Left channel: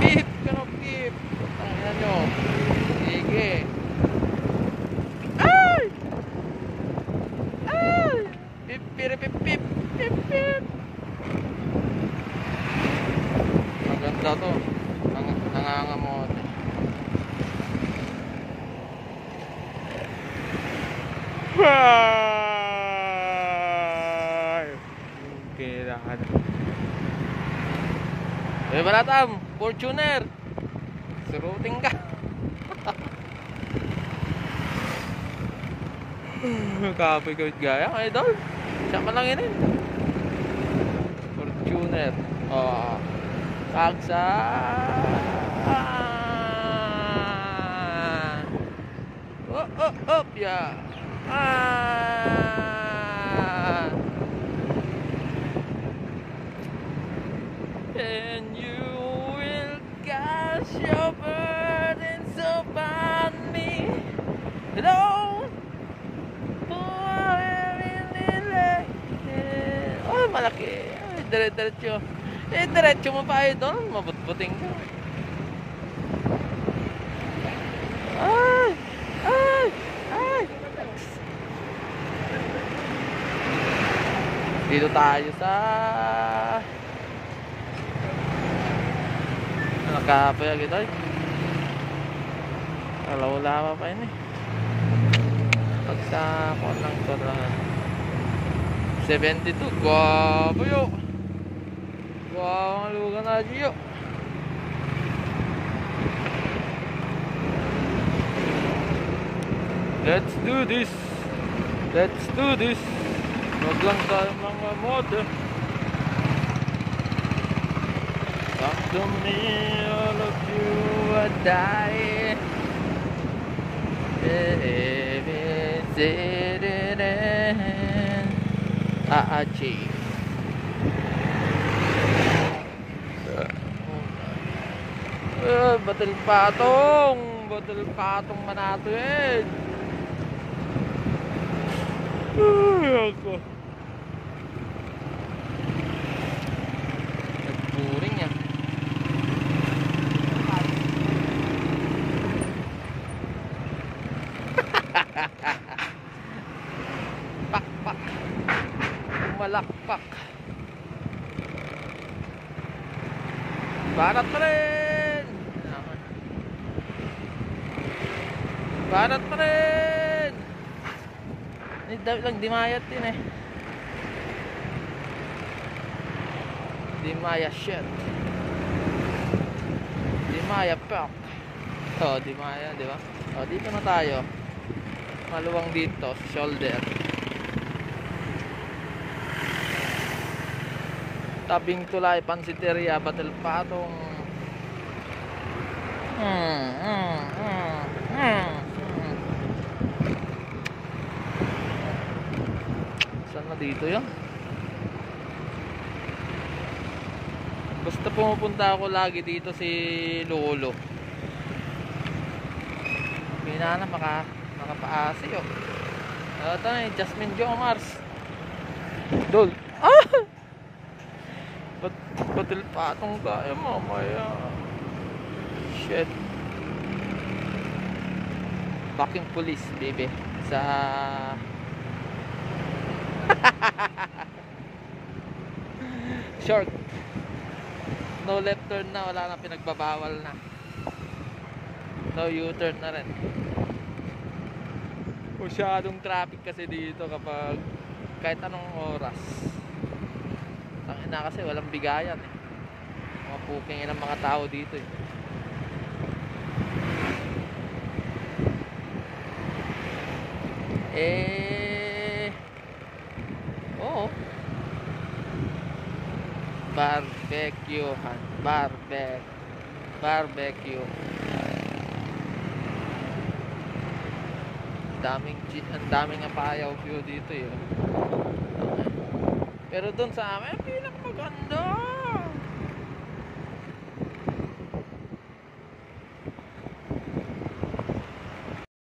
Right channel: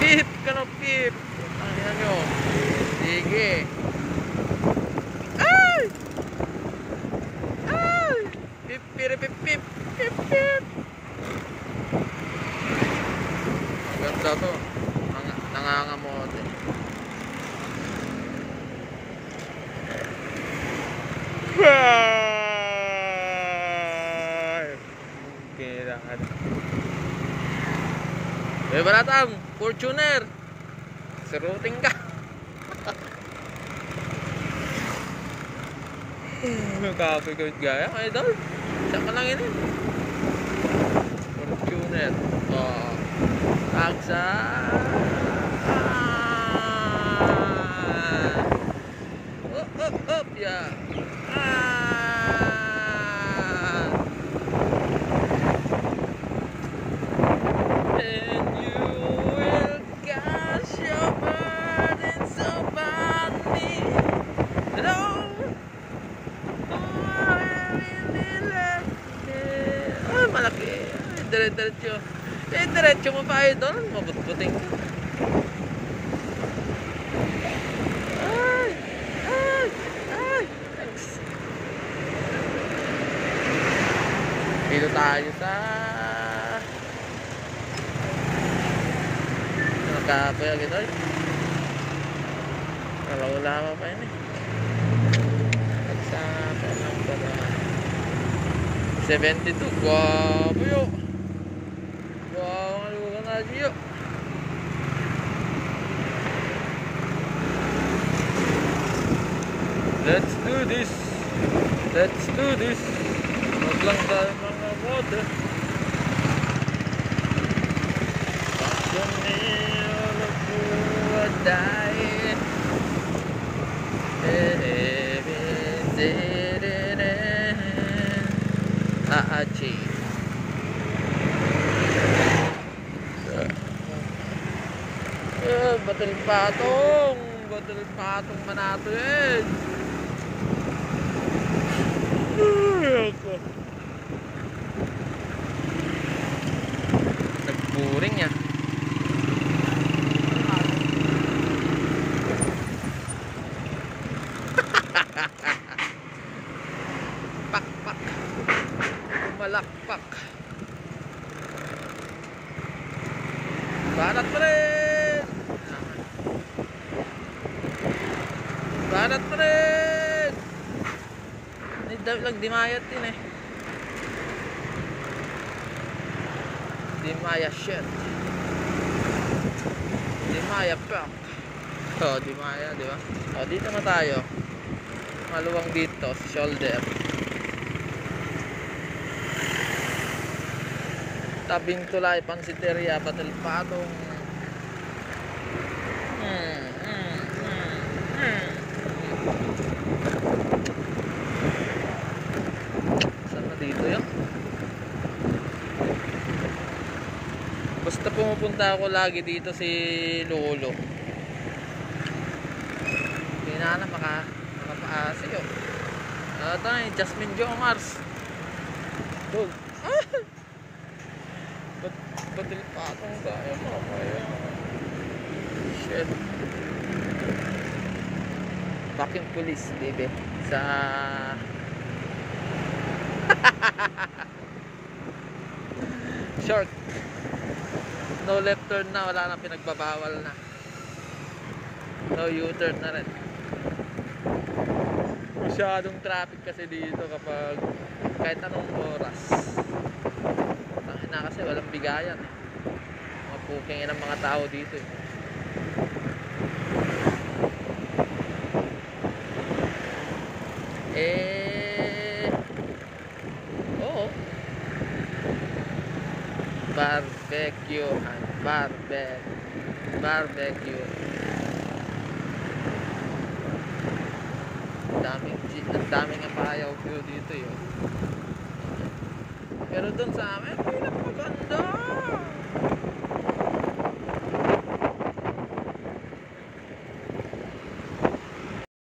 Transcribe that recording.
Pip ka na, pip. Tangina nyo. Sige. Ay! Ay! Pip, pip, pip, pip, pip, pip. Maganda to. Nangangamote. Eh, baratam, Fortuner. Siruting ka. Nagkapigod gaya, idol. Siya ka lang yun eh. Fortuner. Oh. Tagsa. Up, ya. And you will cast your burdens upon me. Hello. Ay, malaki. Ay, dire-diretso. Eh, diretso mo pa idol. Mabut-buting ka. Ay! Ay! Ay! Dito tayo sa nakapaya idol. Wala pa yun eh. Pagsapon lang pa naman 72. Guwapo yun. Guwapo ang lugan natin yun. Let's do this. Let's do this. Wag lang tayo mga motor. Talk to me, all of you are dying. Aachi. Batil patong manato yan. Nagpuring yan. Pak. Malakpak. Banat pa rin. Banat pa rin. Ay, lang dimayat yun eh. Dimaya shirt. Dimaya prop. Oh, dimaya, di ba? Oh, dito na tayo. Maluwang dito, shoulder. Tabing tulay, Pansiteria, Batil Patong. Saan na dito yun? Basta pumupunta ako lagi dito si Lolo. Hindi na makapaasa yun. Ito na yung Jasmine Jomars. Dol. Batil Patong tayo mamaya. Shit. Fucking police, baby. Sa short. No left turn na, wala na, pinagbabawal na. No U-turn na rin. Masyadong traffic kasi dito kapag kahit anong oras. Na kasi walang bigayan. Mga puking ng mga tao dito eh. Oo. Barbecue. Daming apayaw grill dito yun. Pero doon sa amin, pinakaganda.